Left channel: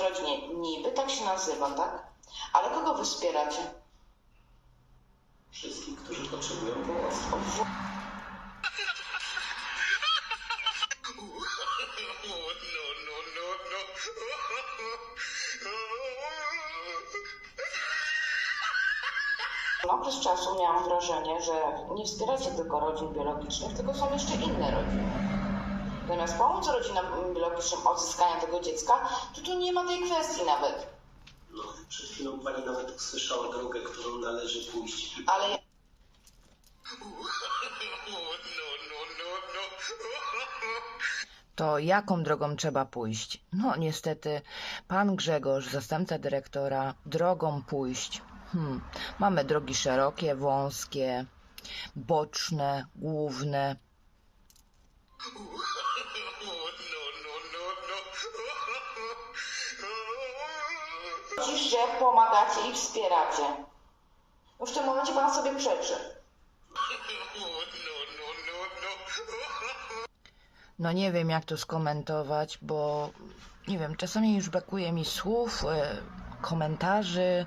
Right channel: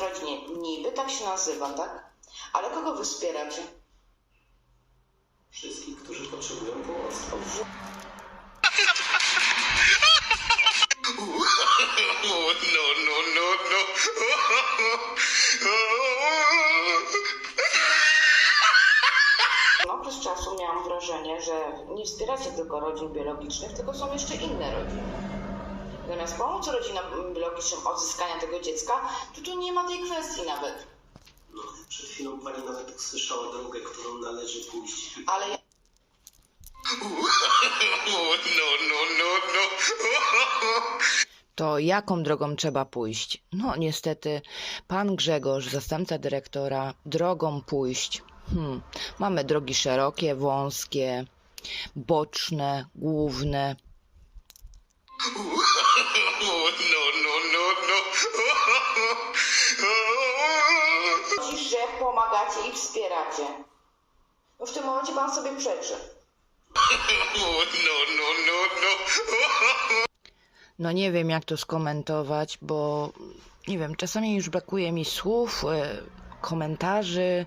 Rodnie, niby tak się nazywa, tak? Ale kogo wy wspieracie? Wszystkich, którzy potrzebują pomocy. No, no, no, no. no Na okres czasu miałam wrażenie, że nie wspieracie tylko rodzin biologicznych, tylko są jeszcze inne rodziny. Zamiast pomóc rodzinom biologicznym odzyskania tego dziecka, to tu nie ma tej kwestii nawet. No, przed chwilą pani nawet usłyszała drogę, którą należy pójść. Ale Oh, no, no, no, no. To jaką drogą trzeba pójść? No, niestety, pan Grzegorz, zastępca dyrektora, drogą pójść. Hmm. Mamy drogi szerokie, wąskie, boczne, główne. Chodzi, że pomagacie i wspieracie. No w tym momencie pan sobie przeczy. No nie wiem, jak to skomentować, bo nie wiem, czasami już brakuje mi słów, e, komentarzy,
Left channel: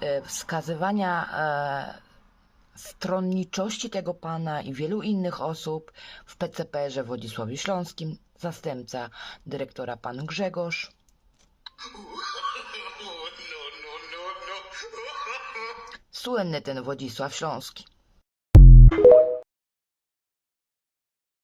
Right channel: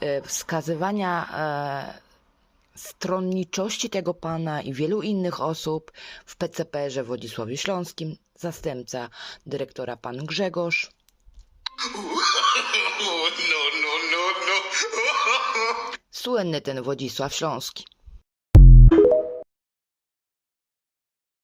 e, wskazywania e, stronniczości tego pana i wielu innych osób w PCPR-ze w Wodzisławiu Śląskim, zastępca dyrektora pan Grzegorz. No, no, no. Słynny ten Wodzisław Śląski.